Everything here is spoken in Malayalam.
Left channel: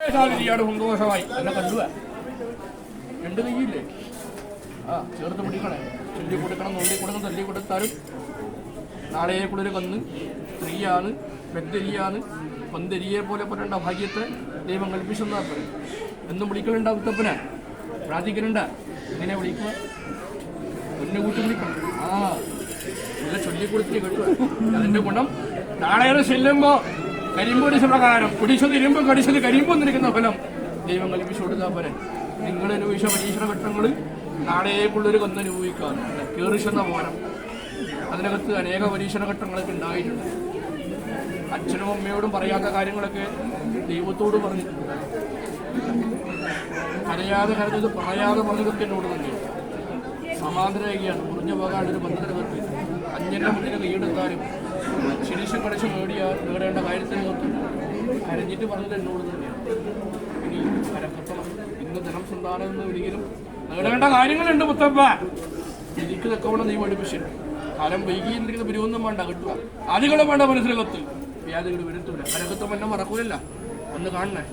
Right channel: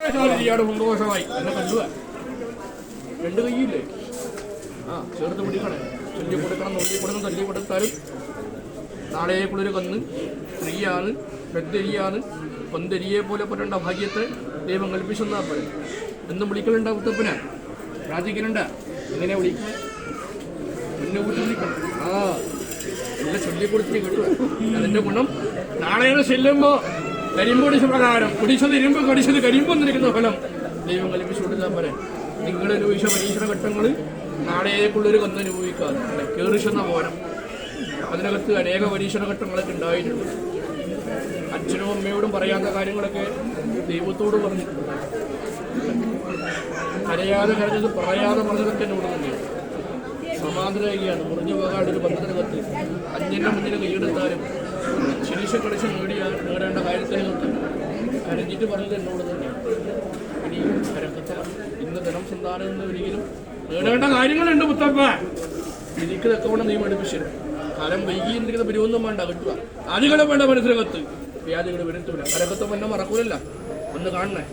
സന്തോഷമായി എന്നെ കണ്ടുക. രണ്ട് കൈയില്ലേ? ചേർത്ത് പിടിക്കണേ. ചൊല്ലി കൊടുക്കണം, നുള്ളി കൊടുക്കണം, തല്ലി കൊടുത്താലും നാളെക്കുള്ളൊരു കന്ന് നെയ്യാണ്, പെട്ടെരിയാണ്, പന്തെരിയെ പോലെ പുരണ്ട ഭാഗ്യത്തെ ദൈവം കൽപ്പിച്ചെന്നാ പോലെ എന്നും വിളിക്കലുണ്ട ഉത്തപ്പന പ്രാർത്ഥിക്കലുണ്ട. എങ്ങനെ വിളിക്കുക? മുന്നേ കൂട്ടി വിളിക്കണം. എല്ലാം ചൊല്ലിക്കൊടുത്തിട്ട് കിട്ടുക. അതിന്റെ ഗുണം നാളെ ചെല്ലുമ്പോ കരിമ്പൊടിച്ച പ്രകാരം കുടിച്ചത് ഇരുമ്പ് കടിച്ചത് കരിമ്പ് നിൽക്കുന്ന ഫലം ദൈവം കൽപ്പിച്ചു കൊടുക്കാൻ പോലെ നിങ്ങൾ അനുഭവിച്ച പരീക്ഷണ ഘട്ടങ്ങൾ നാളേക്കുള്ളൊരു കൊന്ന് അനുഭവിക്കാതെ കേറിച്ചെന്ന പോലെ അതിനകത്ത് അനേക പരീക്ഷണ ഘട്ടങ്ങളൊക്കെ ഉണ്ടായിട്ടുണ്ട്. അച്ഛനും അമ്മയോടും പറയാത്ത കാര്യങ്ങളൊക്കെ ദൈവത്തോട് പറഞ്ഞു. കരയാതെ കരഞ്ഞത് പറയാതെ പറഞ്ഞതൊക്കെ എന്നോട് തന്നെയാണ്. സമാധാനമാണ് മുറിഞ്ഞ പോകാണ്ടൊരു ബന്ധത്തിനകത്ത് അന്യന്റെ മുന്നിൽ കൈയെടുത്താലും ശനിശം കളിച്ച് നേടേണ്ട കാര്യത്തിനകത്ത് കരഞ്ഞിട്ട് പറഞ്ഞത് എന്നോട് തന്നെയാണ്. ഇനി കരക്കത്തണം. ഇന്ന് ധനം സന്താനം എന്ന് ഒരിക്കലും നേടേണ്ട കാര്യങ്ങളുണ്ട് മുത്തപ്പ. എനിക്ക് തക്കവണ്ണം നീ പഠിപ്പിച്ചു. കാലം വൈകിയിരിക്കുന്ന പിരിവൊന്നും വേണ്ട കിട്ടുക. ആദ്യങ്ങളെ വേണ്ട മനസ്സിനകത്ത് വ്യാധികൾ വരുത്തൂല. കരക്കത്തും എന്നെ മറക്കൂലല്ല. ഒന്ന് കാണണേ.